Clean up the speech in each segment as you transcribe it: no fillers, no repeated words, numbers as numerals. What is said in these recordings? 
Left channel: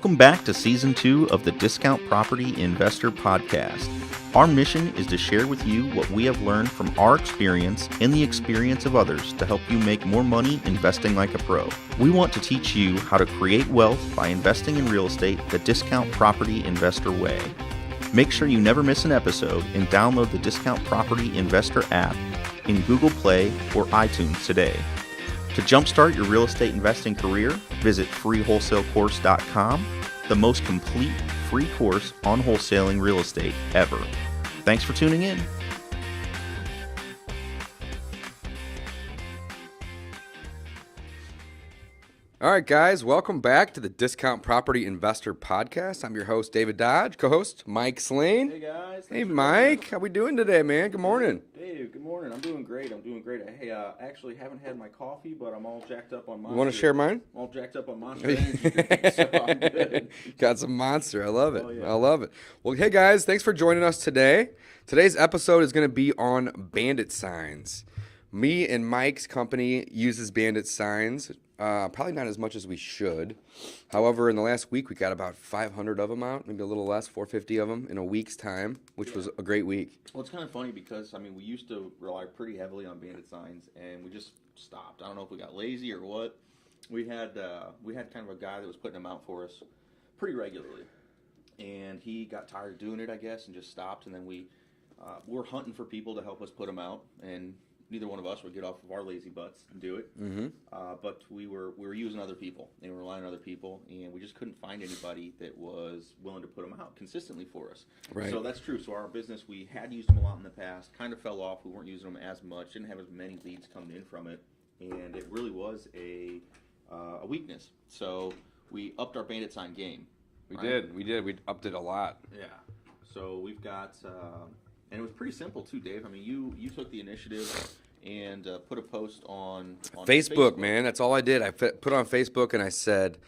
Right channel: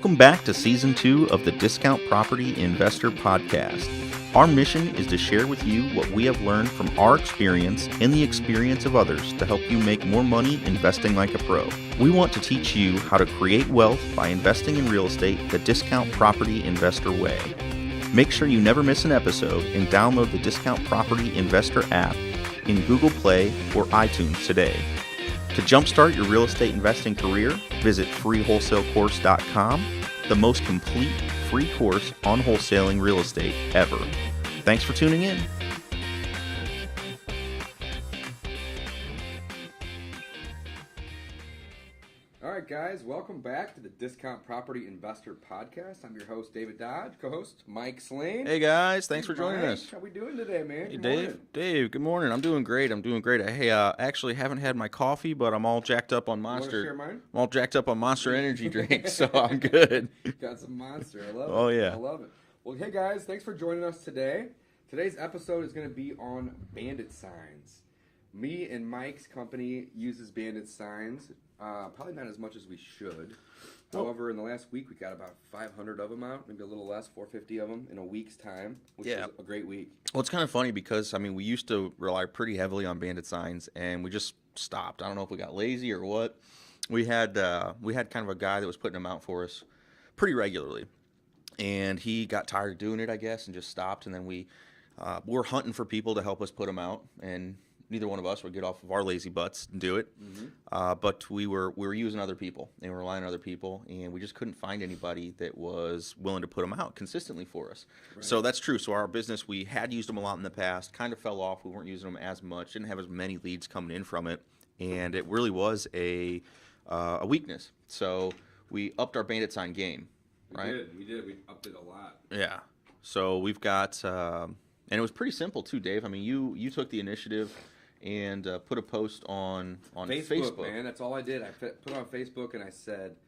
Welcome back to Season 2 of the Discount Property Investor Podcast. Our mission is to share with you what we have learned from our experience and the experience of others to help you make more money investing like a pro. We want to teach you how to create wealth by investing in real estate the Discount Property Investor way. Make sure you never miss an episode and download the Discount Property Investor app in Google Play or iTunes today. To jumpstart your real estate investing career, visit freewholesalecourse.com, the most complete free course on wholesaling real estate ever. Thanks for tuning in. All right, guys, welcome back to the Discount Property Investor Podcast. I'm your host, David Dodge, co-host Mike Slane. Hey, guys. Thanks for Mike. joining us. How we doing today, man? Good morning. Dave, good morning. I'm doing great. Hey, actually haven't had my coffee, but I'm all jacked up on Monster. You want to share mine? I'm all jacked up on Monster Energy drink, so I'm good. Got some Monster. I love it. Oh, yeah. I love it. Well, hey, guys, thanks for joining us today. Today's episode is going to be on Bandit Signs. Me and Mike's company uses Bandit Signs. Probably not as much as we should. However, in the last week, we got about 500 of them out, maybe a little less, 450 of them in a week's time, which was a great week. Well, it's kind of funny because, we used to rely pretty heavily on Bandit Signs, and we just stopped. I don't know if we got lazy or what. We had kind of a guy that was putting them out for us pretty regularly, and he got tired of doing it, I guess, and just stopped. And then we were hunting for people to help us put them out, and neither one of us would get off of our lazy butts and do it. Mm-hmm. But we were using other people and relying on other people, and we just couldn't find anybody that was willing to put them out consistently for us. Right. So that's true. So our business, we had used them a lot in the past, kind of fell off. We weren't using them as much, didn't have as many leads coming in from it, and it really was a weakness. So we upped our Bandit Sign game. We did. We upped it a lot. Yeah. So we've got, and it was pretty simple too, Dave. You took the initiative and put a post on Facebook, man. That's all I did. I put on Facebook and I said,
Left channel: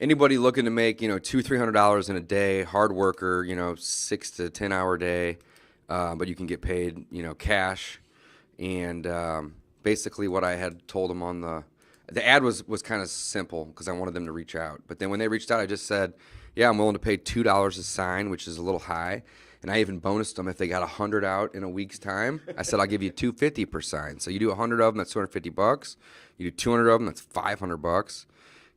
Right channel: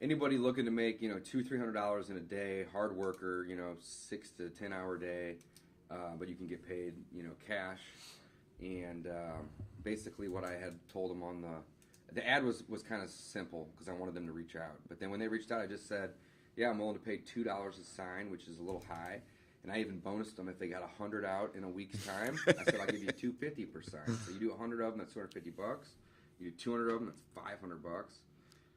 anybody looking to make $200-300 in a day, hard worker, 6 to 10 hour day, but you can get paid cash. And basically what I had told them on the ad was kind of simple because I wanted them to reach out. But then when they reached out, I just said, yeah, I'm willing to pay $2 a sign, which is a little high. And I even bonused them if they got 100 out in a week's time. I said, I'll give you $250 per sign. So you do 100 of them, that's $250. You do 200 of them, that's $500.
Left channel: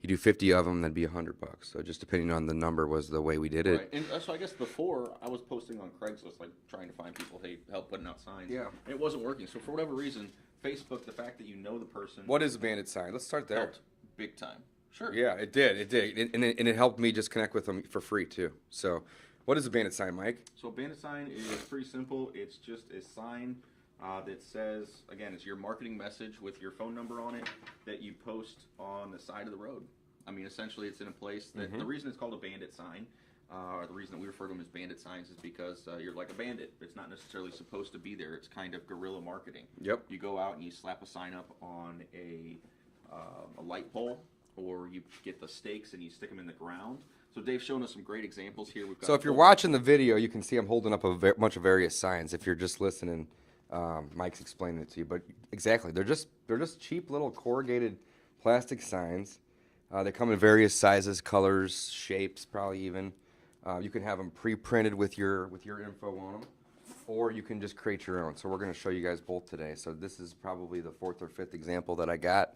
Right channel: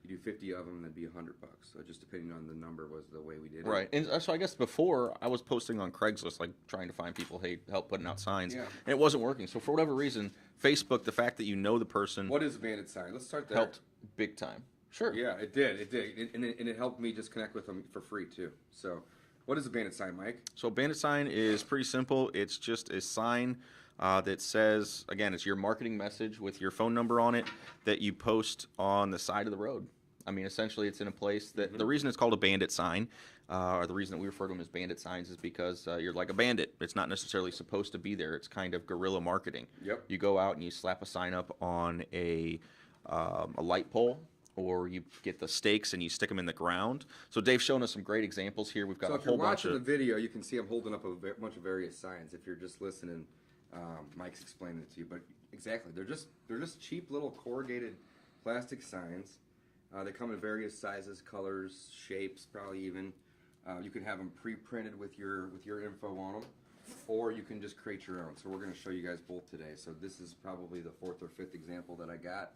You do 50 of them, that'd be $100. So just depending on the number was the way we did it. Right. And so I guess before I was posting on Craigslist, like trying to find people, hey, help putting out signs. Yeah. And it wasn't working. So for whatever reason, Facebook, the fact that you know the person. What is a Bandit Sign? Let's start there. Helped big time. Sure. Yeah, it did. And it helped me just connect with them for free too. So what is a Bandit Sign, Mike? So a Bandit Sign is pretty simple. It's just a sign that says, again, it's your marketing message with your phone number on it that you post on the side of the road. Essentially, it's in a place that the reason it's called a bandit sign, or the reason that we refer to them as bandit signs, is because you're like a bandit. It's not necessarily supposed to be there. It's kind of guerrilla marketing. Yep. You go out and you slap a sign up on a light pole, or you get the stakes and you stick them in the ground. So Dave's shown us some great examples here. We've got. So if you're watching the video, you can see I'm holding up a bunch of various signs. If you're just listening, Mike's explaining it to you. But exactly, they're just cheap little corrugated plastic signs. They come in various sizes, colors, shapes, probably even. You can have them pre-printed with your info on them, or you can just create your own. So we're going to show you guys both today. So this is probably the 4th or 5th example that I got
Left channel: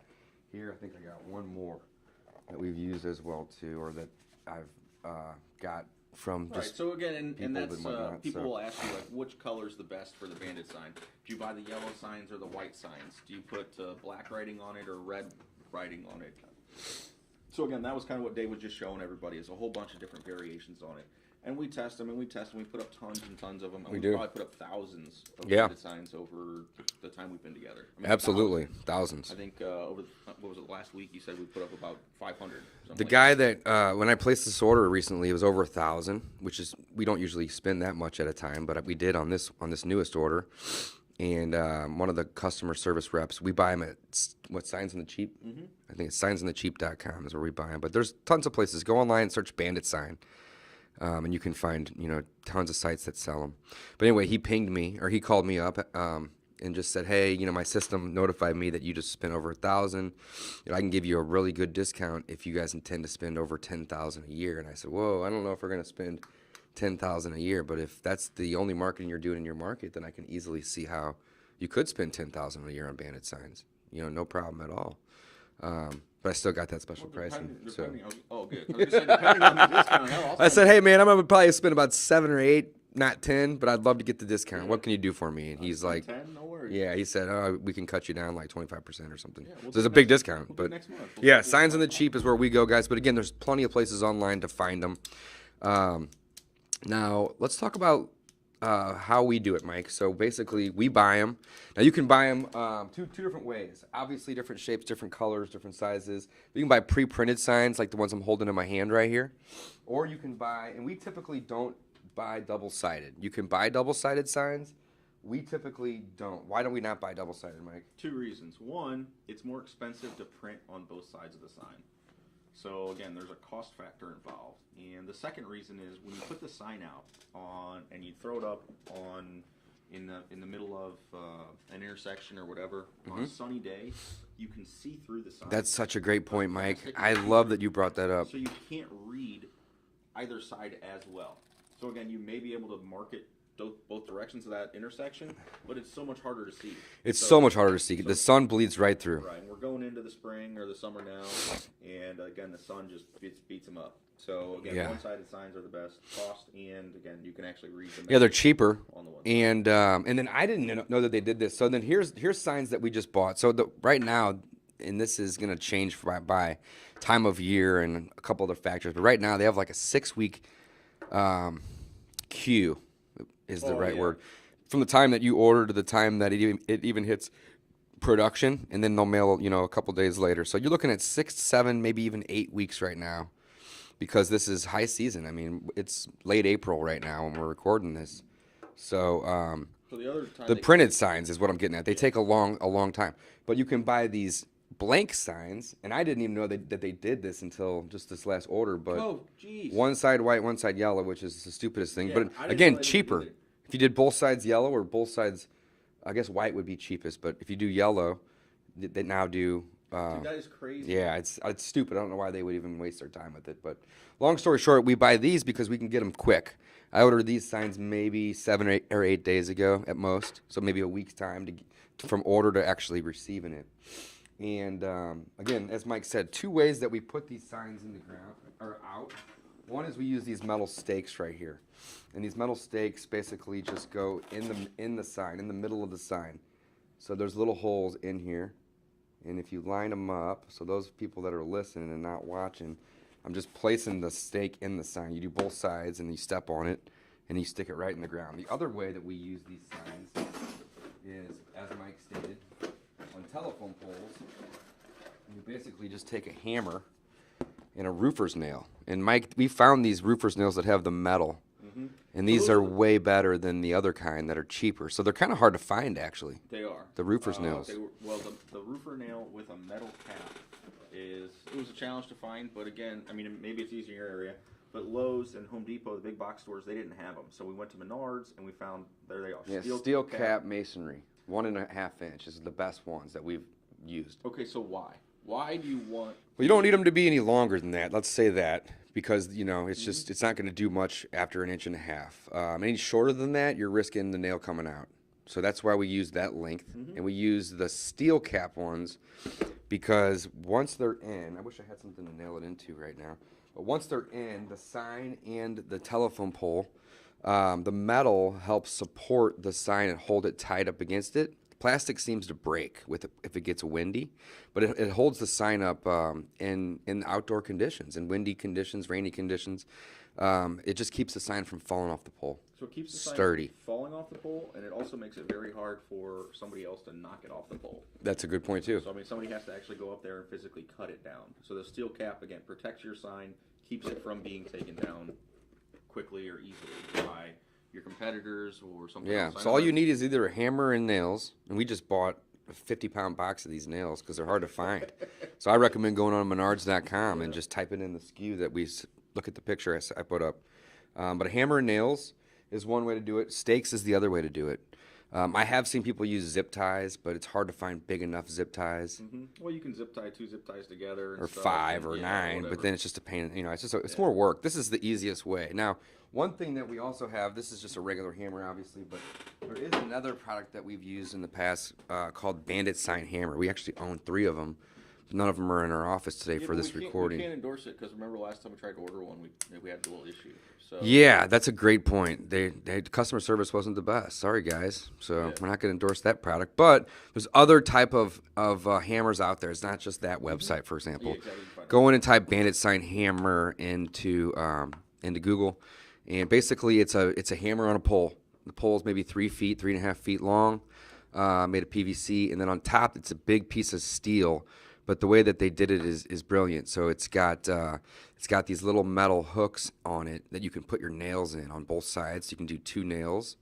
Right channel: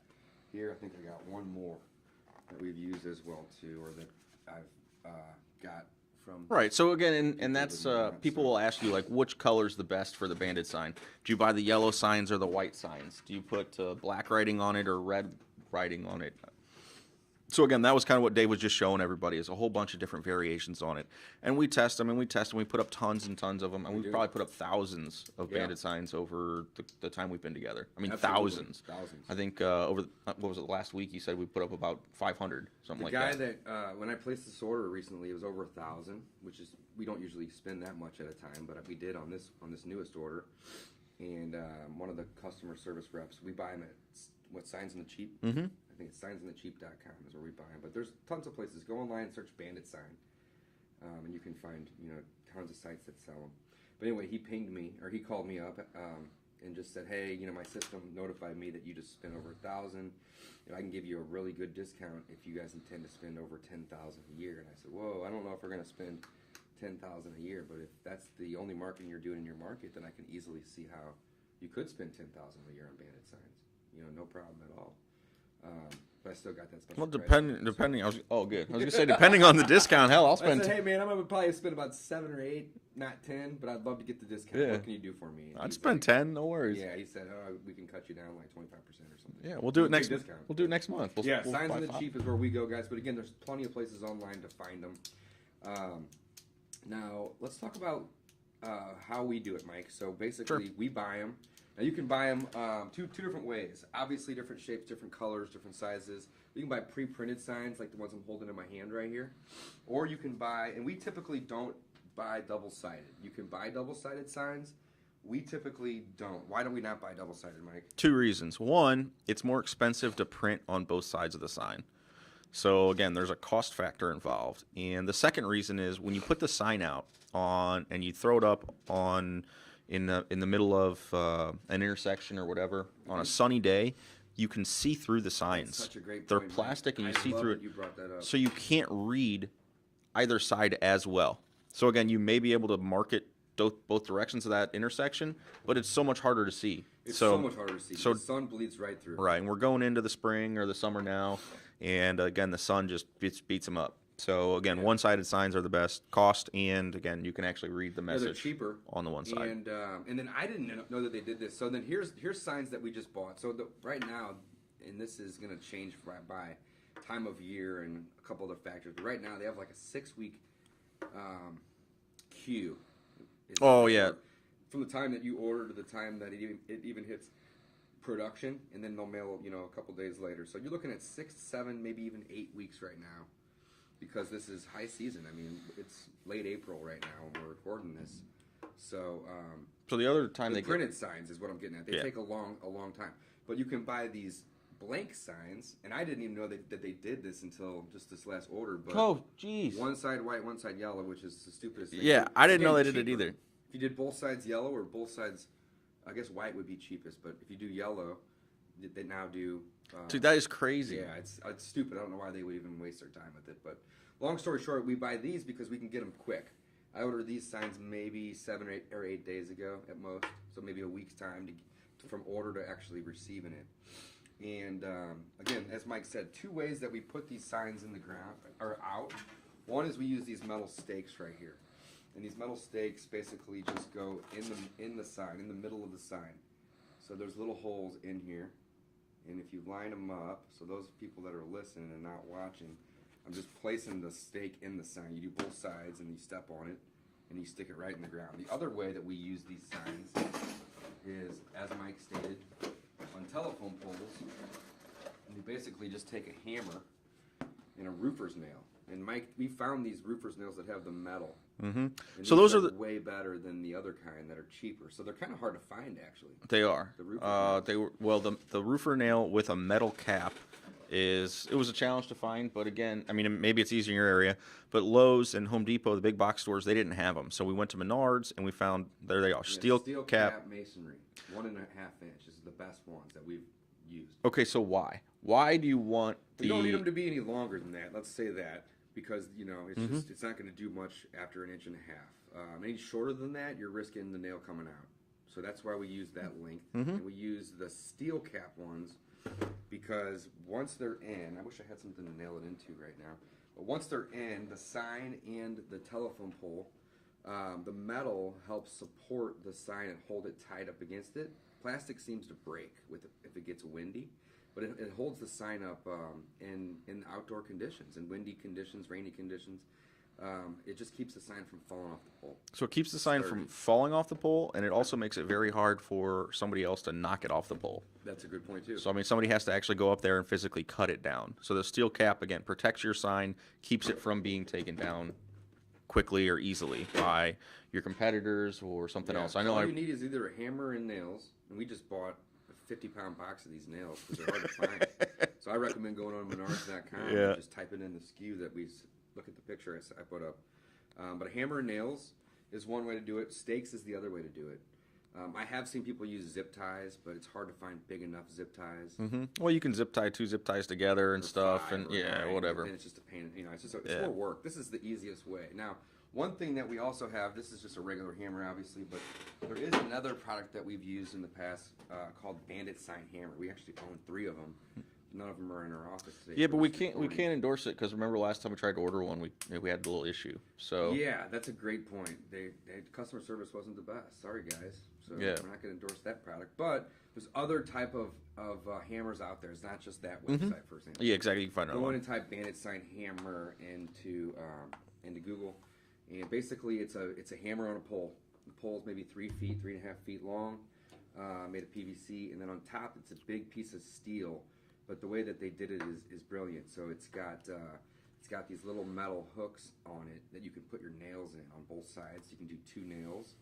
here. I think I got one more that we've used as well too, or that I've got from. Right. So again, and that's people will ask you, like, which color's the best for the Bandit sign? Do you buy the yellow signs or the white signs? Do you put black writing on it or red writing on it? So again, that was kind of what Dave was just showing everybody, is a whole bunch of different variations on it. And we test them, and we put up tons and tons of them. And we probably put up thousands of Bandit signs over the time we've been together. Absolutely. Thousands. I think over, what was it, last week you said we put up about 500. The guy that, when I placed this order recently, it was over 1,000, which is, we don't usually spend that much at a time, but we did on this newest order. And one of the customer service reps, we buy them at, Signs on the Cheap? Mm-hmm. I think it's signsonthecheap.com is where we buy them. But there's tons of places. Go online and search Bandit Sign. And you can find, tons of sites that sell them. But anyway, he pinged me, or he called me up and just said, hey, my system notified me that you just spent over $1,000. I can give you a really good discount if you guys intend to spend over $10,000 a year. And I said, whoa, I don't know if we're going to spend $10,000 a year, but if that's the only marketing you're doing in your market, then I can easily see how you could spend $10,000 a year on Bandit Signs. No problem at all. But I still got that special price. Depending. Good. I was gonna say depending on the discount. Hell, I said, hey man, I'm gonna probably spend about 7 or 8, not 10, but I'd love to get the discount. Yeah. What can you do for me? And he's like 10, no worries. Yeah, he said, oh, we can cut you down like 25% or something. Yeah, we'll do a big discount. We'll do it next month. Signs on the Cheap is where we go, guys. But again, there's plenty of places online to find them. Now let's talk about how we do it, Mike. So basically, we buy them. Now you can buy them two different ways. Obviously, different shapes, different colors, different sizes. You can buy pre-printed signs like the ones I'm holding in my hand right here, or you can buy. And we typically don't buy double-sided. You can buy double-sided signs. We typically don't. Why don't we not buy double-sided, Mike? 2 reasons. One, it's more expensive to print on both sides of the sign. So again, there's a cost factor involved. And the second reason is when you put the sign out on and you throw it up on in the middle of an intersection or whatever on a sunny day, you can see through the signs. That's such a great point, Mike. Plastic, I love that you brought that up. So you can't read either side as well. So again, you may be able to market both directions of that intersection, but it's so much harder to see. It's so much harder to see. The sun bleeds right through. Right, and we're going into the spring or the summer now, and again, the sun just beats them up. So again, one-sided signs are the best cost, and again, you can actually read the message. Yeah, they're cheaper on the one side. And then I didn't know that they did this. So then here's signs that we just bought. So right now, and this is going to change by time of year and a couple other factors, but right now they have like a 6-week queue. Is the right word. From the time that you order to the time that it even hits production, and then they'll mail a couple days later. So you're looking at 6, 7, maybe even 8 weeks right now, because this is high season. I mean, it's late April right now when we're recording this. So so the other time the printed signs is what I'm getting at. They take a long time, but you can buy these blank signs, and I didn't even know that they did this until just this last order. But one side white, one side yellow, which is the stupidest thing. Yeah, but I didn't know they did either. If you did both sides yellow or both sides, I guess white would be cheapest. But if you do yellow, they now do. Dude, that is crazy. Yeah, it's stupid. I don't know why they would even waste their time with it. But long story short, we buy these because we can get them quick. I ordered these signs maybe 7 or 8 days ago at most, so maybe a week's time from order to actually receiving it. And again, as Mike said, 2 ways that we put these signs in the ground or out. One is we use these metal stakes right here, and these metal stakes basically just go in the sign, in the middle of the sign. So there's little holes in here, and if you line them up, so those people that are listening and not watching, I'm just placing the stake in the sign. You do both sides, and you step on it, and you stick it right in the ground. The other way that we use these signs is, as Mike stated, on telephone poles. You basically just take a hammer and a roofer's nail. And Mike, we found these roofer's nails that have the metal. Mm-hmm. And so these are way better than the other kind that are cheaper. So they're kind of hard to find, actually. They are. The roofer's nails. The roofer nail with a metal cap it was a challenge to find, but again, I mean, maybe it's easier in your area, but Lowe's and Home Depot, the big box stores, they didn't have them. So we went to Menards, and we found, there they are, steel cap masonry, 1.5 inch is the best ones that we've used. Okay, so why? Why do you want... Well, you don't need them to be any longer than that, let's say that, because, it's just, it's not going to do much after 1.5 inches. Any shorter than that, you're risking the nail coming out. So that's why we use that length, and we use the steel cap ones because once they're in, I wish I had something to nail it into right now, but once they're in, the sign and the telephone pole, the metal helps support the sign and hold it tied up against it. Plastic seems to break if it gets windy, but it holds the sign up in outdoor conditions, in windy conditions, rainy conditions. It just keeps the sign from falling off the pole. So it keeps the sign from falling off the pole, and it also makes it very hard for somebody else to knock it off the pole. That's a good point, too. So, I mean, somebody has to actually go up there and physically cut it down. So the steel cap, again, protects your sign, keeps it from being taken down quickly or easily by your competitors or something else. So all you need is either a hammer and nails, and we just bought a 50-pound box of these nails because they're hard to find. So I recommend going on Menards.com and just typing in the SKU that we look at the picture I put up. But a hammer and nails is one way to do it. Stakes is the other way to do it. I have seen people use zip ties, but it's hard to find big enough zip ties. Well, you can zip tie 2 zip ties together and Or stuff. 5 and, or yeah, 9, whatever. but then it's just a pain. It's more work. This is the easiest way. Now, one thing that we also have, this is just a regular hammer, obviously, but there is another product that we've used in the past called Bandit Sign Hammer. We actually own 3 of them. None of them are in our office today for this recording. We can't endorse it because remember last time we tried to order one, we had a little issue. So yeah, that's a great point. Customer service wasn't the best. Sorry, guys. So Yeah. we're not going to endorse that product. But there's other type of hammers out there. It's not just that website, for example. Yeah, exactly. You can find Go in and type Bandit Sign Hammer into Google, and basically it's a hammer on a pole. The pole is maybe 3 feet, 3.5 feet long, made of PVC, and then on top it's a big piece of steel. But the way that they did it is brilliant. So it's got these little metal hooks on it that you can put your nails in on both sides. You can do 2 nails,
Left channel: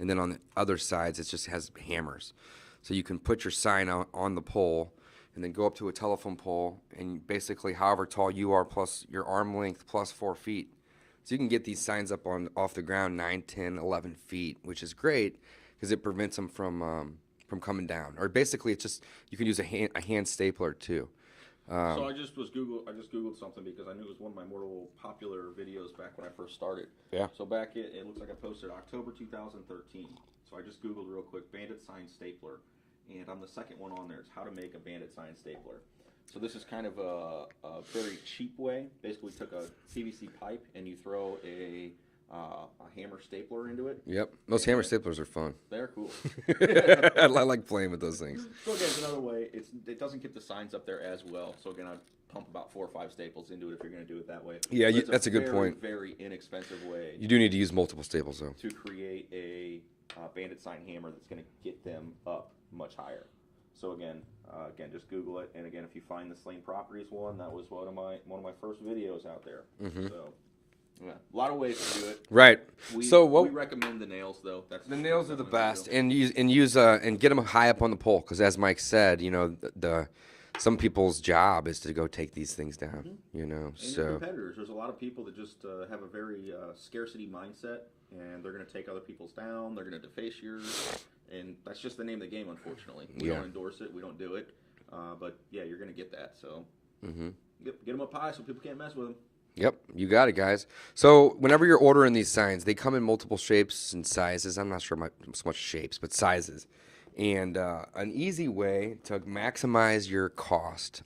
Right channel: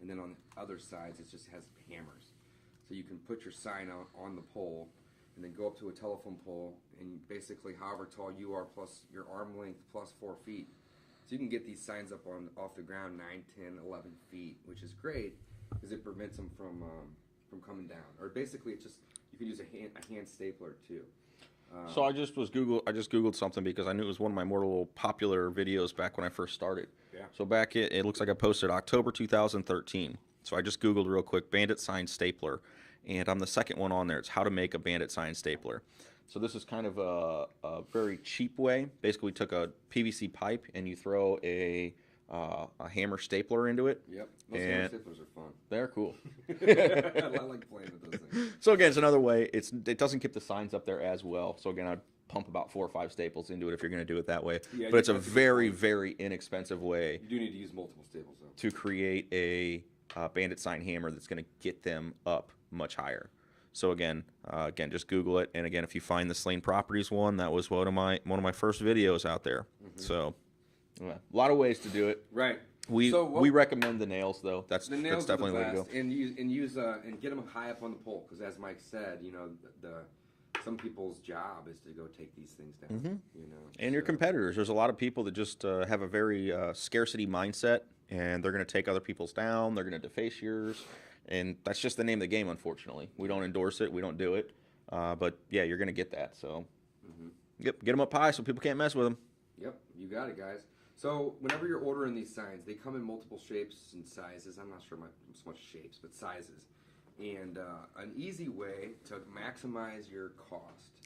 and then on the other sides it just has hammers. So you can put your sign on the pole, and then go up to a telephone pole, and basically however tall you are plus your arm length plus 4 feet. So you can get these signs up off the ground 9, 10, 11 feet, which is great because it prevents them from coming down. Or basically, it's just you can use a hand stapler too. So I just googled something because I knew it was one of my more popular videos back when I first started. Yeah. So back it looks like I posted October 2013. So I just googled real quick Bandit Sign stapler, and I'm the second one on there. It's how to make a Bandit Sign stapler. So this is kind of a very cheap way. Basically, we took a PVC pipe and you throw a hammer stapler into it. Yep. Those hammer staplers are fun. They're cool. I like playing with those things. So again, it's another way. It doesn't keep the signs up there as well. So again, I'd pump about 4 or 5 staples into it if you're going to do it that way. Yeah, but it's that's a a good very, point. very inexpensive way You do need to use multiple staples though. to create a Bandit Sign hammer that's going to get them up much higher. So again, just Google it. And again, if you find the Slain Properties one, that was one of my first videos out there. So. Yeah, a lot of ways to do it. Right. We recommend the nails though. That's The nails that's are the definitely best, the way to go. and use and get them high up on the pole because, as Mike said, some people's job is to go take these things down. And your competitors. There's a lot of people that just have a very scarcity mindset, and they're going to take other people's down. They're going to deface yours, and that's just the name of the game. Unfortunately, we don't endorse it. We don't do it. But yeah, you're going to get that. So, get them up high so people can't mess with them. Yep, you got it, guys. So whenever you're ordering these signs, they come in multiple shapes and sizes. I'm not sure so much shapes, but sizes. And an easy way to maximize your cost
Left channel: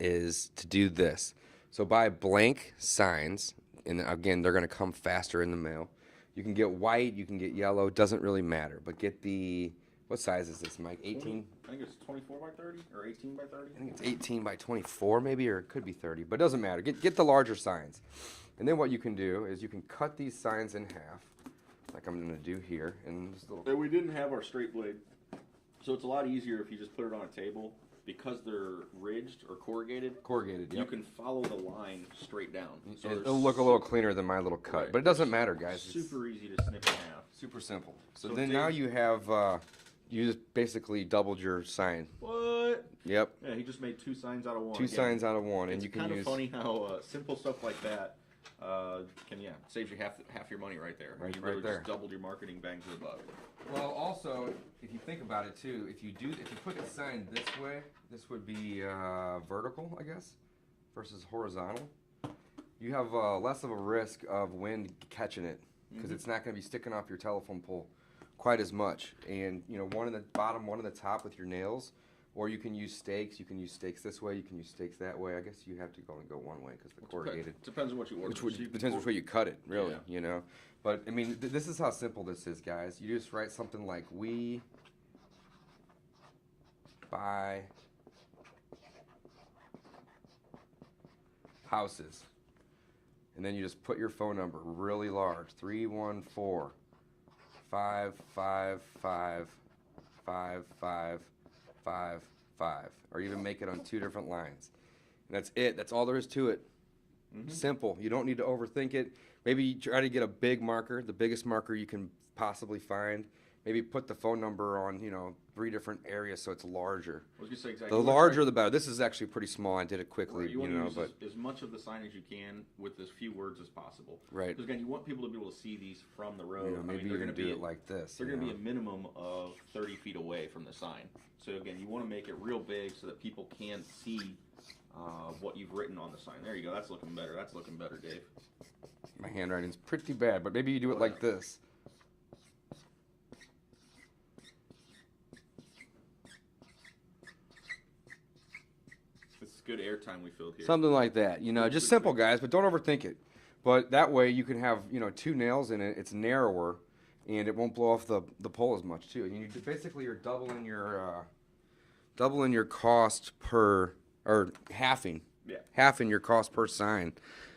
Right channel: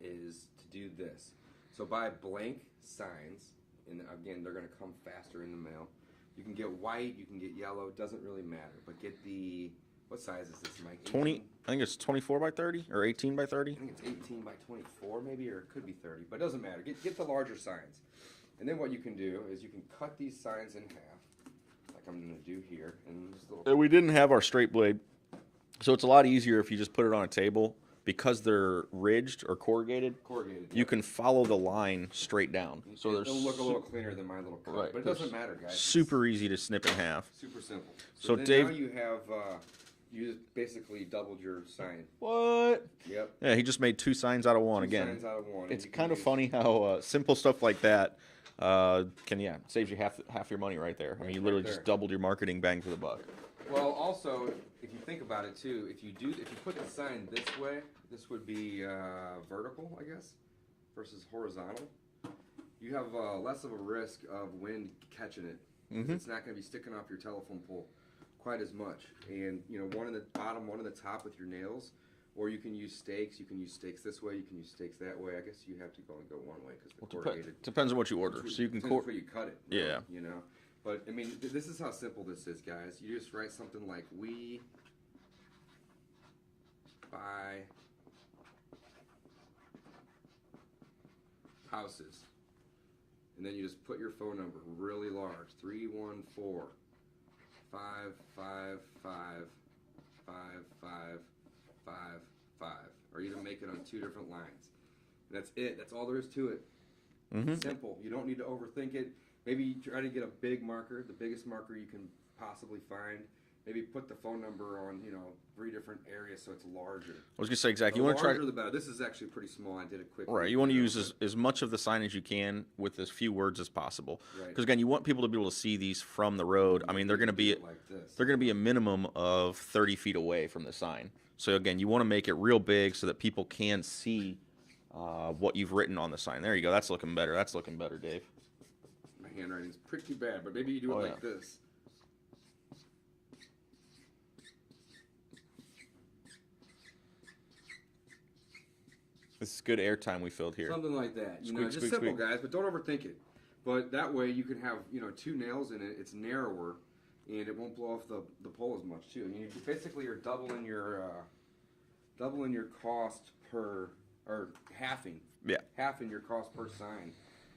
is to do this. So buy blank signs, and again, they're going to come faster in the mail. You can get white, you can get yellow, doesn't really matter. But get what size is this, Mike? 18? I think it's 24 by 30 or 18 by 30. I think it's 18 by 24 maybe, or it could be 30, but it doesn't matter. Get the larger signs. And then what you can do is you can cut these signs in half, like I'm going to do here. And we didn't have our straight blade, so it's a lot easier if you just put it on a table. Because they're ridged or corrugated, you can follow the line straight down. So it'll look a little cleaner than my little cut, Right. but it doesn't matter, guys. Super easy to snip in half. Super simple. So then Dave, now you have, you just basically doubled your sign. What? Yep. Yeah, he just made 2 signs out of one. Two signs out of one. It's kind of funny how simple stuff like that saves you half your money right there. I mean, you literally just doubled your marketing bang for the buck. Well, also, if you think about it too, if you put the sign this way, this would be vertical, I guess, versus horizontal. You have less of a risk of wind catching it because it's not going to be sticking off your telephone pole quite as much. And one in the bottom, one in the top with your nails, or you can use stakes. You can use stakes this way. You can use stakes that way. I guess you have to go one way because the corrugated. Depends on what you order. So you can depends on where you cut it. Really, Yeah. But I mean, this is how simple this is, guys. You just write something like "We buy houses," and then you just put your phone number really large: 314-555-5555, or even make it on 2 different lines. And that's it. That's all there is to it. Simple. You don't need to overthink it. Maybe you try to get a big marker, the biggest marker you can possibly find, maybe put the phone number on 3 different areas so it's larger. I was gonna say exactly. The You wanna try- larger the better. This is actually pretty small. I did it quickly. Right. You want to use but- as much of the sign as you can with as few words as possible. Right. Because again, you want people to be able to see these from the road. I mean, they're going to Maybe be do it like this. they're going to be a minimum of 30 feet away from the sign. So again, you want to make it real big so that people can see what you've written on the sign. There you go. That's looking better. That's looking better, Dave. My handwriting's pretty bad, but maybe you do it Oh, like yeah. this. This is good airtime we filled here. Something like that. Squeak, Just squeak, simple, squeak. guys, but don't overthink it. But that way you can have 2 nails in it. It's narrower, and it won't blow off the pole as much too. You basically you're doubling your cost per, or halving your cost per sign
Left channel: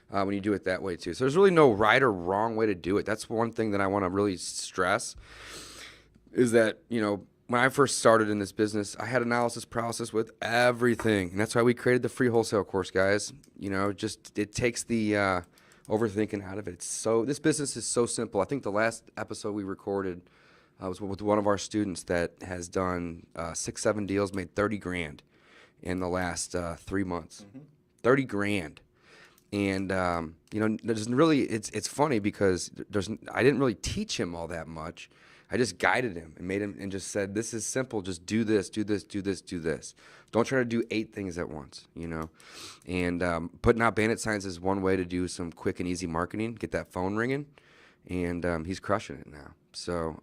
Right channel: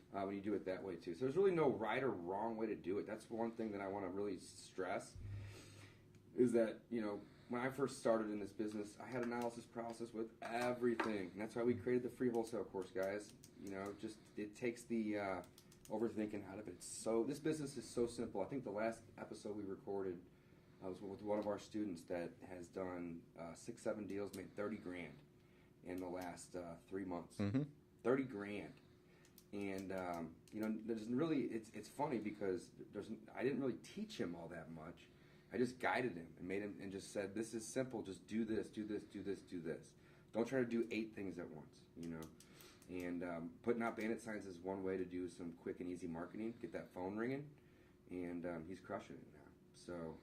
when you do it that way too. So there's really no right or wrong way to do it. That's one thing that I want to really stress is that when I first started in this business, I had analysis paralysis with everything, and that's why we created the free wholesale course, guys. Just it takes the overthinking out of it. This business is so simple. I think the last episode we recorded was with one of our students that has done 6-7 deals, made 30 grand in the last 3 months. 30 grand. And there's really it's funny because I didn't really teach him all that much. I just guided him and made him and just said, this is simple. Just do this, do this, do this, do this. Don't try to do 8 things at once, And putting out Bandit Signs is one way to do some quick and easy marketing, get that phone ringing, and he's crushing it now. So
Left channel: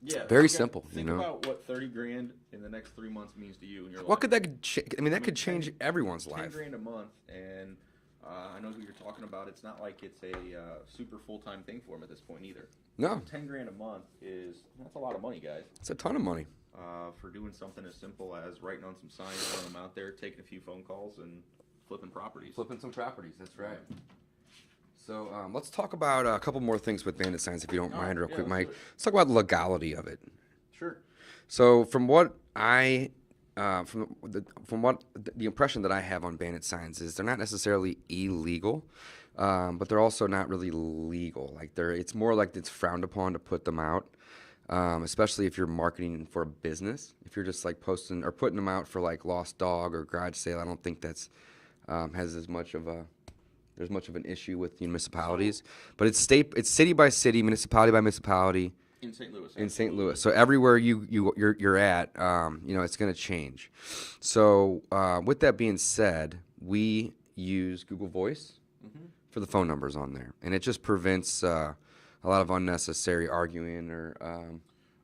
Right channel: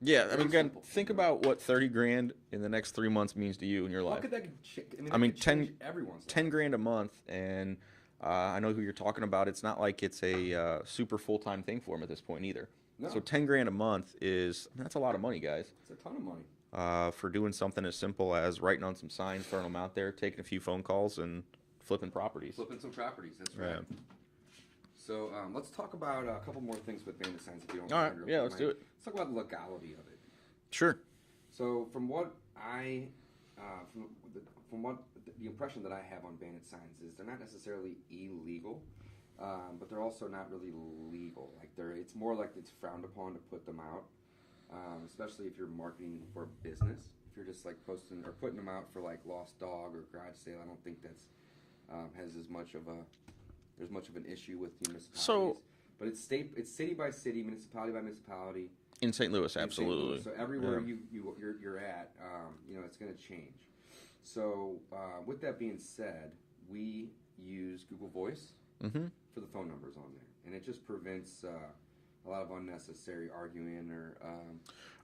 Yeah, very again, simple. Think about what 30 grand in the next 3 months means to you in your life. What could that? That could change everyone's 10 life. grand a month, and I know who you're talking about. It's not like it's a super full-time thing for him at this point either. No. So 10 grand a month that's a lot of money, guys. It's a ton of money. For doing something as simple as writing on some signs, throwing them out there, taking a few phone calls, and flipping properties. Flipping some properties. That's right. Yeah. So let's talk about a couple more things with Bandit Signs, if you don't All mind, right. real Yeah, quick, let's do Mike. it. Let's talk about the legality of it. Sure. So from what the impression that I have on Bandit Signs is they're not necessarily illegal, but they're also not really legal. It's more like it's frowned upon to put them out, especially if you're marketing for a business. If you're just like posting or putting them out for like lost dog or garage sale, I don't think that's has as much of an issue with municipalities. But it's city by city, municipality by municipality. In St. Louis, In absolutely. St. Louis. So everywhere you're at, it's going to change. So with that being said, we use Google Voice for the phone numbers on there, and it just prevents a lot of unnecessary arguing or.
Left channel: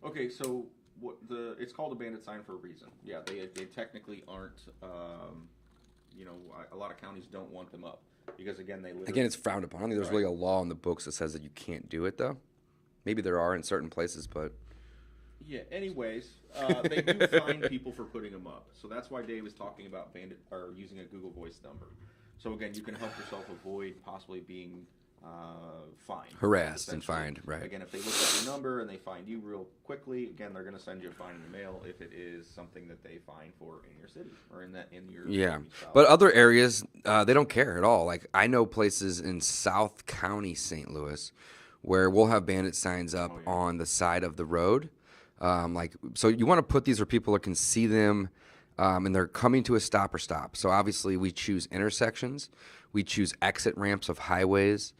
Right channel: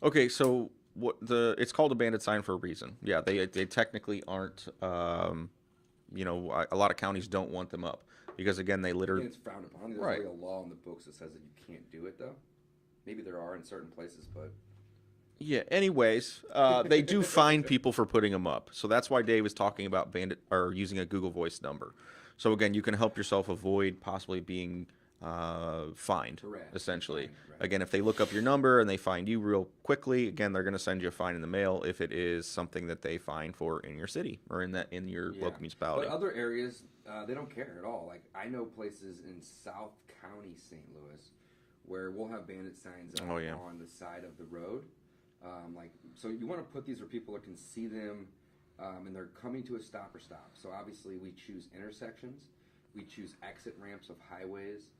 Okay, so it's called a bandit sign for a reason. Yeah, they technically aren't. A lot of counties don't want them up because again they literally. Again, it's frowned upon. I don't think there's really a law in the books that says that you can't do it though. Maybe there are in certain places, but Yeah. Anyways, they do fine people for putting them up. So that's why Dave is talking about using a Google Voice number. So again, you can help yourself avoid possibly being fined, harassed, essentially. and fined, right. Again, if they look up your number and they find you real quickly, again, they're going to send you a fine in the mail if it is something that they fine for in your city or in your local municipality. But other areas, they don't care at all. Like I know places in South County, St. Louis, where we'll have bandit signs up on the side of the road. So you want to put these where people can see them, and they're coming to a stop. So obviously we choose intersections, we choose exit ramps of highways,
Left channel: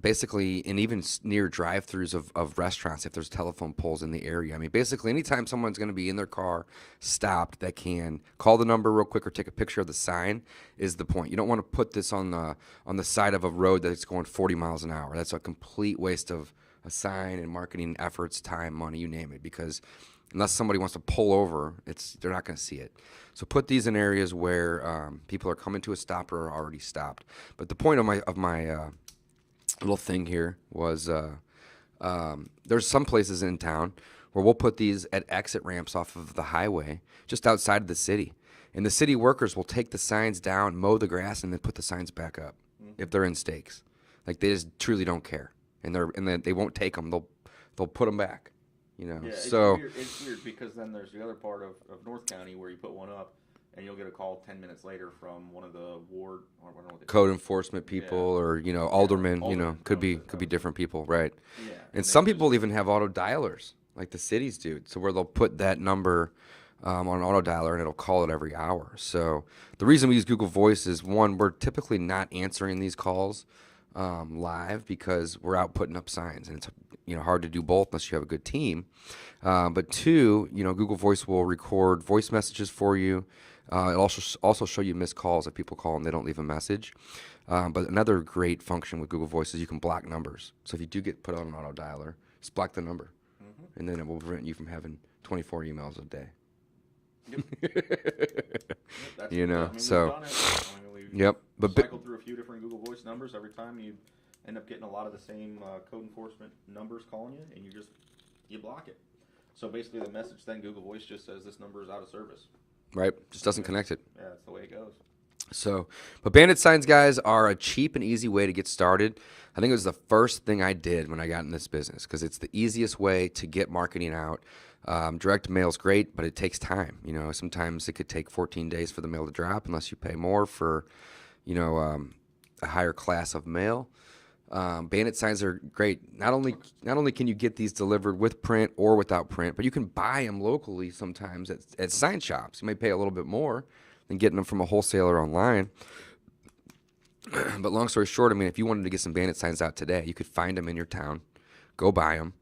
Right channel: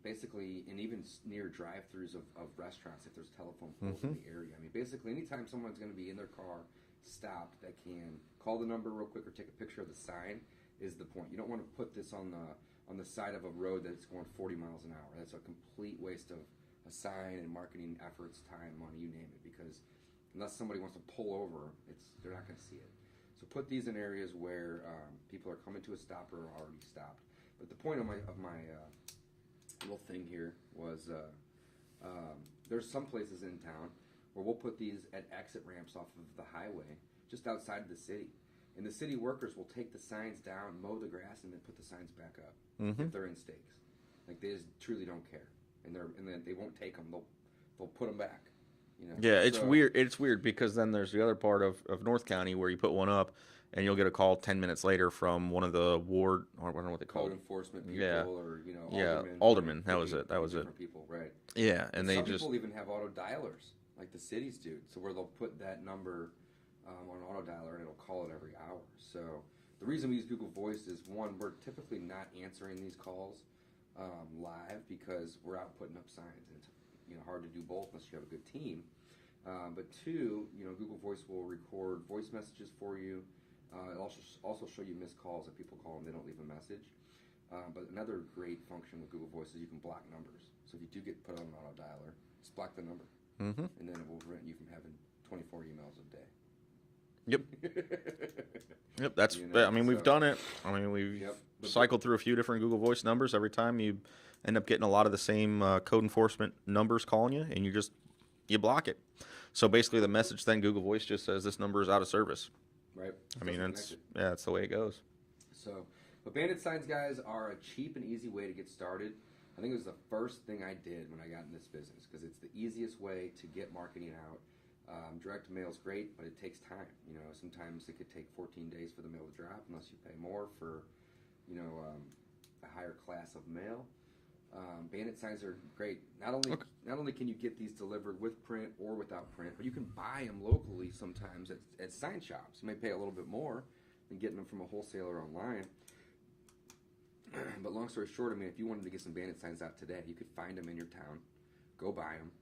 basically, and even near drive-throughs of restaurants if there's telephone poles in the area. I mean, basically, anytime someone's going to be in their car stopped that can call the number real quick or take a picture of the sign is the point. You don't want to put this on the side of a road that's going 40 miles an hour. That's a complete waste of a sign and marketing efforts, time, money, you name it, because unless somebody wants to pull over, they're not going to see it. So put these in areas where people are coming to a stop or are already stopped. But the point of my little thing here was there's some places in town where we'll put these at exit ramps off of the highway just outside of the city. And the city workers will take the signs down, mow the grass, and then put the signs back up if they're in stakes. Like they just truly don't care. And they won't take them. They'll put them back. You know, Yeah, it's so weird. It's weird because then there's the other part of North County where you put one up, and you'll get a call 10 minutes later from one of the ward, or I don't know what they call code enforcement it. people Yeah, or yeah, aldermen, alderman. That could was be it. could That be was it. different people, right? Yeah, And and they some just people even have auto dialers, like the cities do, so where they'll put that number on an auto dialer and it'll call it every hour. So the reason we use Google Voice is, one, we're typically not answering these calls live because we're out putting up signs, and it's hard to do both unless you have a good team. But two, Google Voice will record voice messages for you. It'll also show you missed calls if people call and they don't leave a message. But another great function with Google Voice is you can block numbers. So if you do get put on an auto dialer, just block the number, and then it will prevent you from having 24 emails a day. Yep. Yep. That's. You know, I mean, so- we've done it. I mean, we've Yep. But cycled through a few different Google Voice numbers. Every time you end up getting a lot of the same code enforcement numbers calling you, and you block it. So basically, the message then Google Voice just says this number is out of service. right, just doesn't connect it. Yeah, that's the way it goes. So, but Bandit Signs, guys, are a cheap and easy way to get started. I think it was the first thing I did when I got in this business because it's the easiest way to get marketing out. Direct mail's great, but it takes time. Sometimes it could take 14 days for the mail to drop unless you pay more for, a higher class of mail. Bandit Signs are great. Not only can you get these delivered with print or without print, but you can buy them locally sometimes at sign shops. You may pay a little bit more than getting them from a wholesaler online. But long story short, I mean, if you wanted to get some Bandit Signs out today, you could find them in your town, go buy them,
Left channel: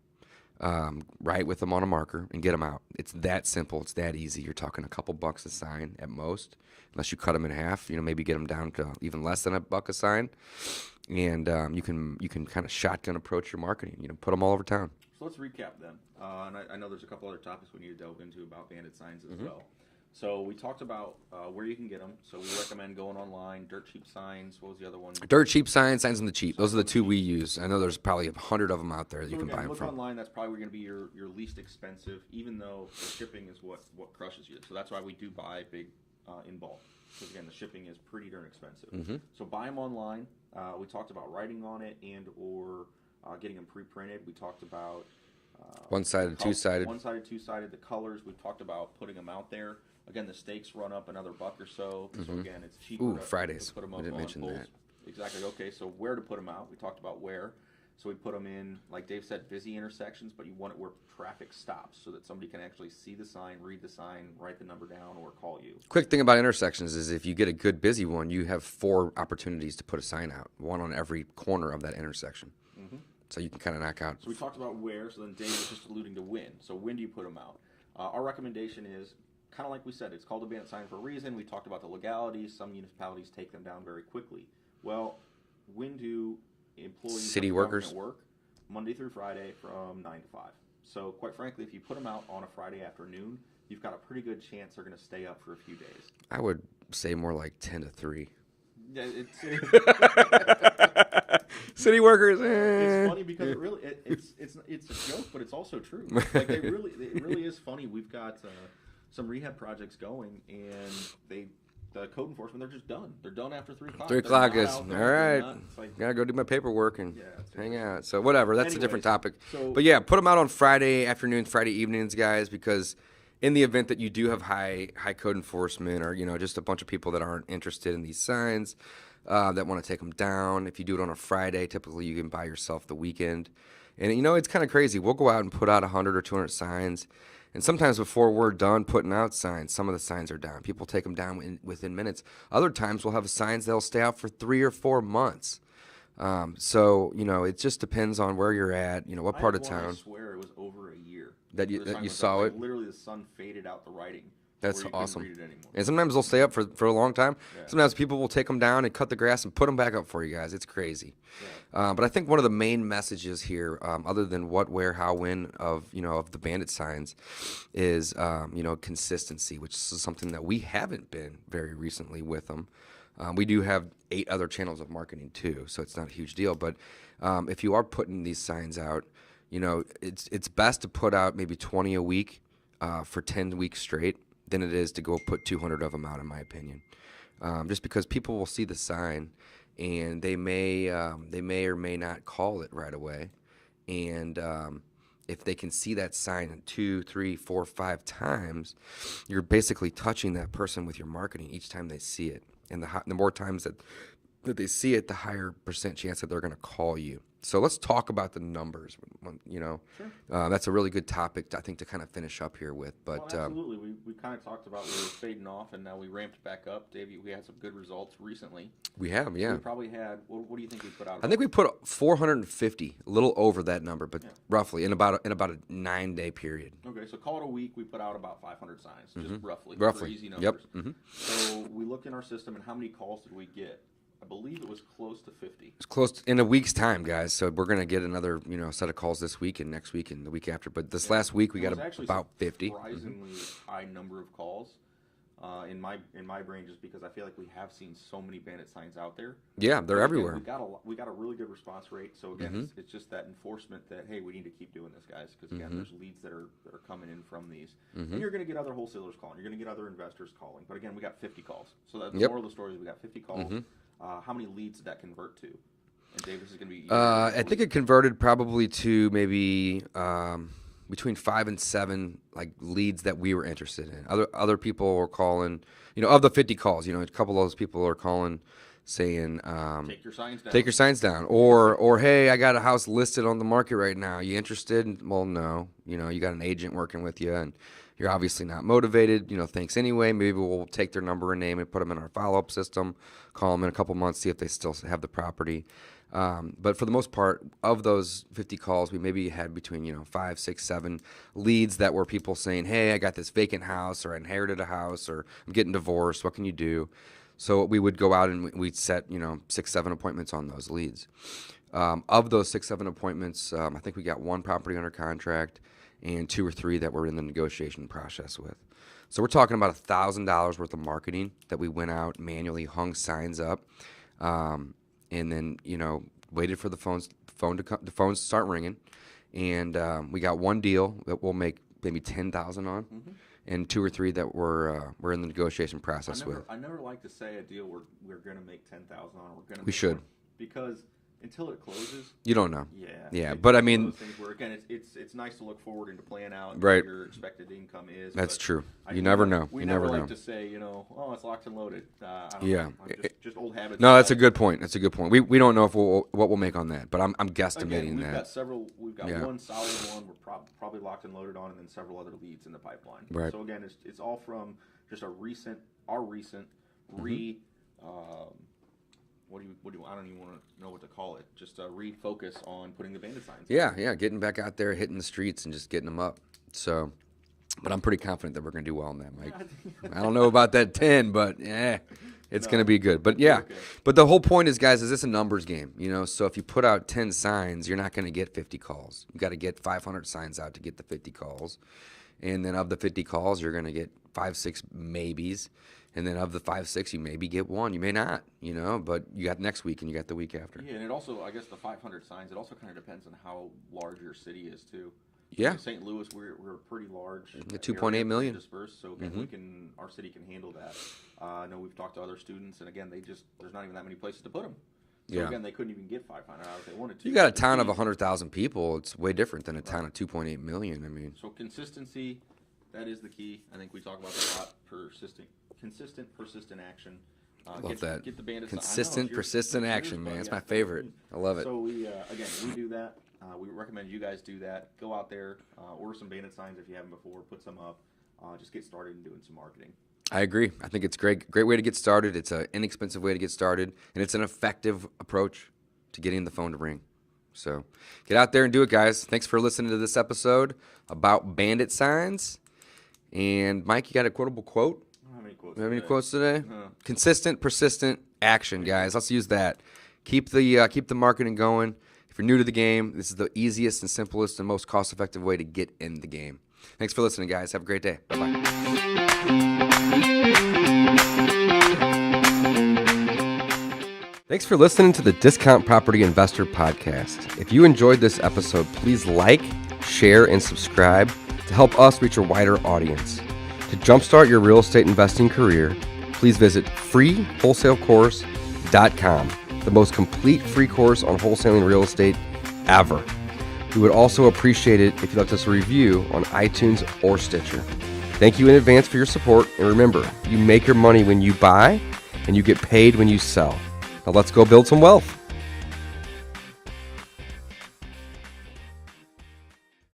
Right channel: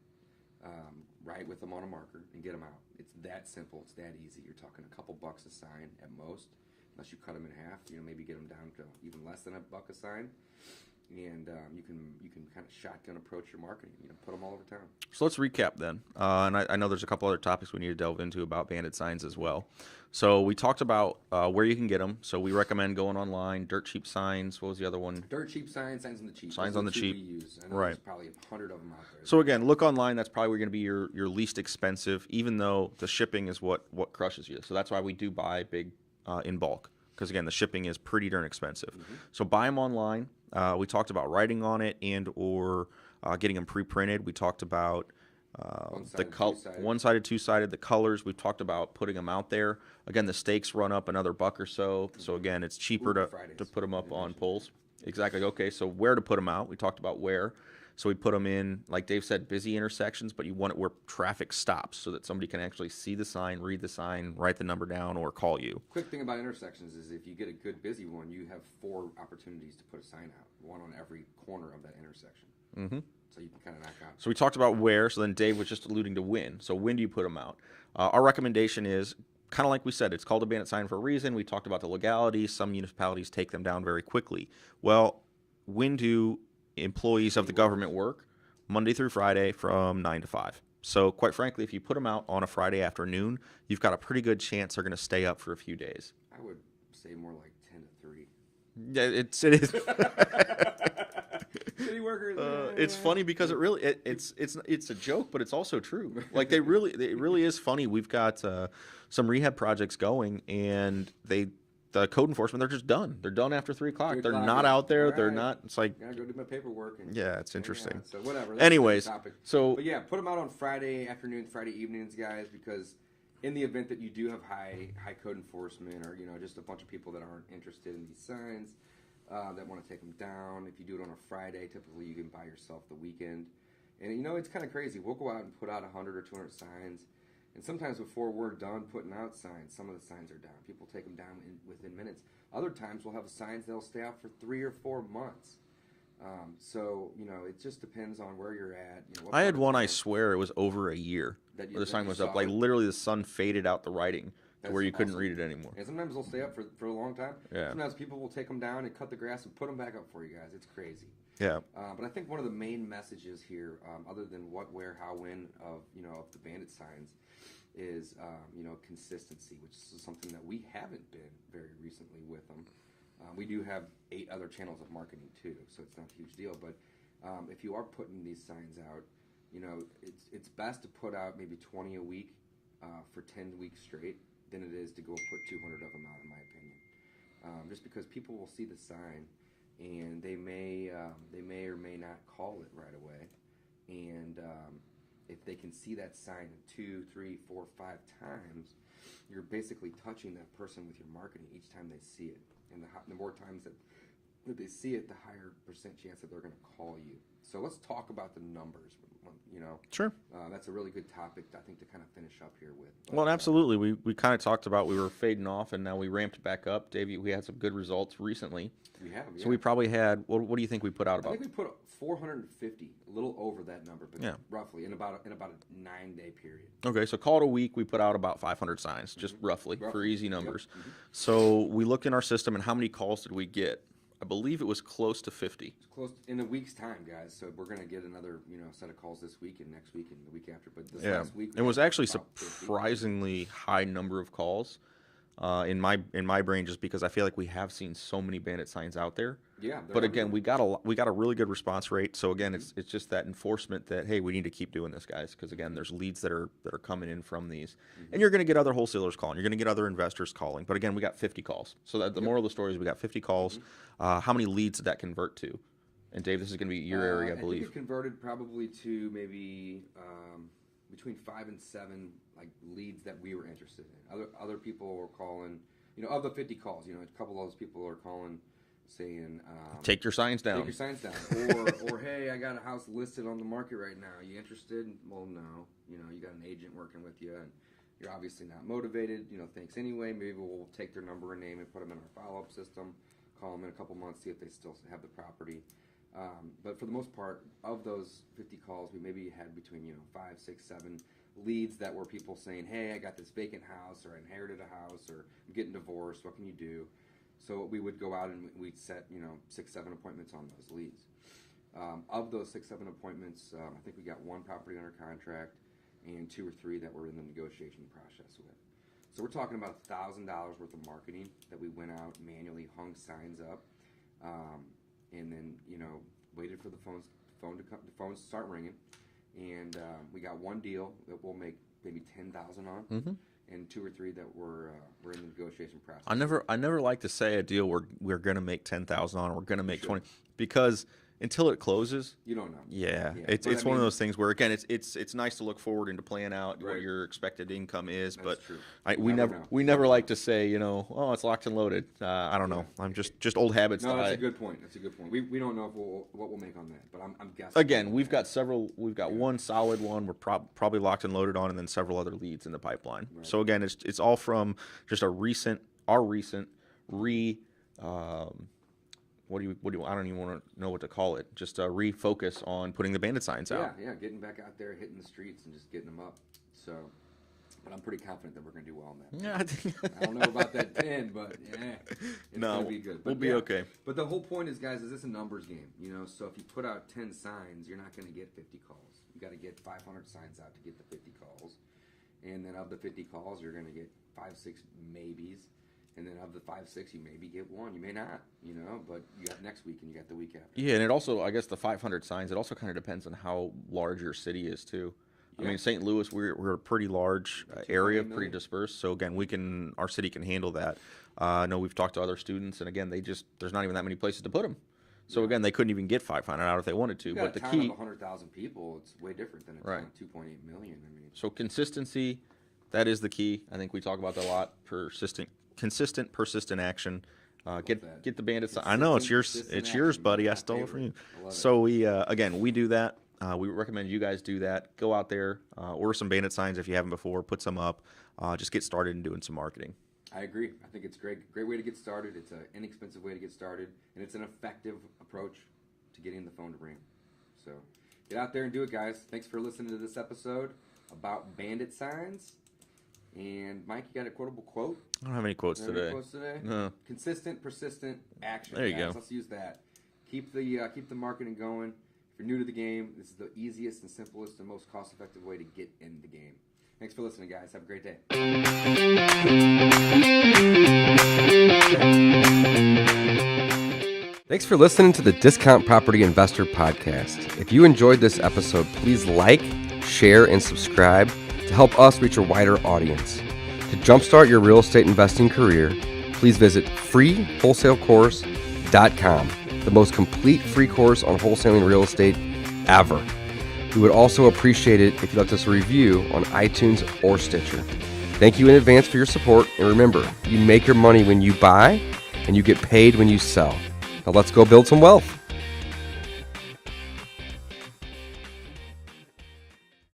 write with them on a marker, and get them out. It's that simple. It's that easy. You're talking a couple bucks a sign at most, unless you cut them in half. Maybe get them down to even less than $1 a sign. And you can kind of shotgun approach your marketing. Put them all over town. So let's recap then. And I know there's a couple other topics we need to delve into about Bandit Signs as well. So we talked about where you can get them. So we recommend going online. Dirt Cheap Signs. What was the other one? Dirt Cheap Signs, Signs on the Cheap. Signs Those are on the the two we Cheap. use. I know there's probably 100 of them out there. that So you can buy again, 'em look from. online. That's probably going to be your least expensive, even though the shipping is what crushes you. So that's why we do buy big in bulk, because again, the shipping is pretty darn expensive. So buy them online. We talked about writing on it and or getting them pre-printed. We talked about One-sided, two-sided. One-sided, two-sided. The colors. We've talked about putting them out there. Again, the stakes run up another $1 or so. So again, it's cheaper to Fridays. put them I up didn't on mention poles. Exactly. Okay, so where to put them out? We talked about where. So we put them in, like Dave said, busy intersections, but you want it where traffic stops so that somebody can actually see the sign, read the sign, write the number down, or call you. Quick thing about intersections is if you get a good busy one, you have 4 opportunities to put a sign out, one on every corner of that intersection. So you can kind of knock out. So we talked about where, so then Dave was just alluding to when. So when do you put them out? Our recommendation is, kind of like we said, it's called a bandit sign for a reason. We talked about the legality. Some municipalities take them down very quickly. Well, when do employees City of the government work? Monday through Friday from 9 to 5. So quite frankly, if you put them out on a Friday afternoon, you've got a pretty good chance they're going to stay up for a few days. I would say more like 10 to 3. Yeah, it is. City workers. It's funny because it's a joke, but it's also true. Like it really is funny. We've got some rehab projects going, and the code enforcement, they're just done. They're done after 3 o'clock. 3 They're o'clock not is- out there. all They're right. not. It's like Gotta go do my paperwork and yeah, it's hang interesting. out. So whatever. That's a Anyways, different topic. so- but yeah, put them out on Friday afternoons, Friday evenings, guys, because in the event that you do have high code enforcement or just a bunch of people that aren't interested in these signs that want to take them down, if you do it on a Friday, typically you can buy yourself the weekend. And it's kind of crazy. We'll go out and put out 100 or 200 signs. And sometimes before we're done putting out signs, some of the signs are down. People take them down within minutes. Other times we'll have signs that'll stay out for 3 or 4 months. So it just depends on where you're at. What I part had of one. town. I swear it was over a year That you- where the that sign you was saw up. Like it? literally, the sun faded out the writing That's where you couldn't awesome. read it anymore. And sometimes they'll stay up for a long time. Yeah. Sometimes people will take them down and cut the grass and put them back up for you guys. It's crazy. Yeah. But I think one of the main messages here, other than what, where, how, when of the bandit signs, is consistency, which is something that we haven't been very recently with them. We do have 8 other channels of marketing too, so it's not a huge deal. But if you are putting these signs out, it's best to put out maybe 20 a week for 10 weeks straight than it is to go put 200 of them out, in my opinion. Just because people will see the sign and they may or may not call it right away, and if they can see that sign 2, 3, 4, 5 times, you're basically touching that person with your marketing each time they see it. And the more times that they see it, the higher percent chance that they're going to call you. So let's talk about the numbers. Sure. That's a really good topic, I think, to kind of finish up here with. But, well, absolutely. We kind of talked about we were fading off, and now we ramped back up. Davey, we had some good results recently. We have, yeah. So we probably had, what do you think we put out? I think we put 450, a little over that number, but yeah. roughly in about a 9-day period. Okay, so call it a week. We put out about 500 signs, just roughly for easy numbers. Yep. So we looked in our system, and how many calls did we get? I believe it was close to 50. It's close in a week's time, guys. So we're going to get another, set of calls this week and next week and the week after. But this last week we got actually about 50. Surprisingly high number of calls in my brain, just because I feel like we have seen so many Bandit signs out there. Yeah, they're everywhere. Again, we got a really good response rate. So again, it's just that enforcement that, hey, we need to keep doing this, guys, because again, there's leads that are coming in from these, and you're going to get other wholesalers calling. You're going to get other investors calling. But again, we got 50 calls. So the moral of the story is we got 50 calls. How many leads did that convert to? And Dave, this is going to be your area, I think it converted probably to maybe between 5 and 7 like leads that we were interested in. Other people were calling, of the 50 calls, a couple of those people are calling saying take your signs down. Take your signs down. or hey, I got a house listed on the market right now. You interested? Well, no. You got an agent working with you and you're obviously not motivated. Thanks anyway. Maybe we'll take their number and name and put them in our follow-up system, call them in a couple months, see if they still have the property. But for the most part, of those 50 calls, we maybe had between 5, 6, 7 leads that were people saying, "Hey, I got this vacant house, or I inherited a house, or I'm getting divorced. What can you do?" So we would go out and we'd set 6, 7 appointments on those leads. Of those 6, 7 appointments, I think we got 1 property under contract and 2 or 3 that we're in the negotiation process with. So we're talking about $1,000 worth of marketing that we went out, manually hung signs up, and then waited for the phones to start ringing, and we got 1 deal that we'll make maybe $10,000 on, and 2 or 3 that we're in the negotiation process. I never like to say a deal we're going to make $10,000 on, we're going to make 20, because until it closes, you don't know. Yeah. But it's one of those things where, again, it's nice to look forward into plan out what your expected income is. That's true. You never know. We never like to say, oh, it's locked and loaded. I don't know. I'm just old habits. No, that's a good point. That's a good point. We don't know if what we'll make on that, but I'm guessing. Again, we've got several. We've got 1 solid one we're probably locked and loaded on, and then several other leads in the pipeline. Right. So again, it's all from just our recent what do you I don't even want to know what to call it. Just a refocus on putting the Bandit signs out. Yeah, getting back out there, hitting the streets, and just getting them up. So, but I'm pretty confident that we're going to do well in that. Yeah, I don't know about that 10, but it's going to be good. But we'll be okay. But the whole point is, guys, is this a numbers game? So if you put out 10 signs, you're not going to get 50 calls. You got to get 500 signs out to get the 50 calls, and then of the 50 calls, you're going to get 5, 6 maybes. And then of the 5, 6, you maybe get 1. You may not, but you got next week and you got the week after. Yeah, and it also, I guess, the 500 signs, it also kind of depends on how large your city is, too. Yeah. I mean, St. Louis, we're a pretty large area, 2.8 million. pretty dispersed. So, again, our city can handle that. I know we've talked to other students, and, again, there's not even that many places to put them. So, again, they couldn't even get 500 out if they wanted to. You got a town of 100,000 people. It's way different than a town of 2.8 million. I mean, so consistency, that is the key. I think we talk about that a lot. Consistent, persistent action. Get the Bandit sign. I know it's yours, buddy. That's my favorite. I love it. So we do that. We recommend you guys do that. Go out there, order some Bandit signs if you haven't before. Put some up. Just get started in doing some marketing. I agree. I think it's great way to get started. It's an inexpensive way to get started, and it's an effective approach to getting the phone to ring. So get out there and do it, guys. Thanks for listening to this episode about Bandit signs. And Mike, you got a quotable quote? I don't have any quotes today. Have any quotes today? No. Consistent, persistent action, guys. Let's use that. Keep the marketing going. If you're new to the game, this is the easiest and simplest and most cost-effective way to get in the game. Thanks for listening, guys. Have a great day. Thanks for listening to the Discount Property Investor Podcast. If you enjoyed this episode, please like, share, and subscribe to help us reach a wider audience. To jumpstart your real estate investing career, please visit freewholesalecourse.com, the most complete free course on wholesaling real estate ever. We would also appreciate it if you left us a review on iTunes or Stitcher. Thank you in advance for your support, and remember, you make your money when you buy, and you get paid when you sell. Now let's go build some wealth.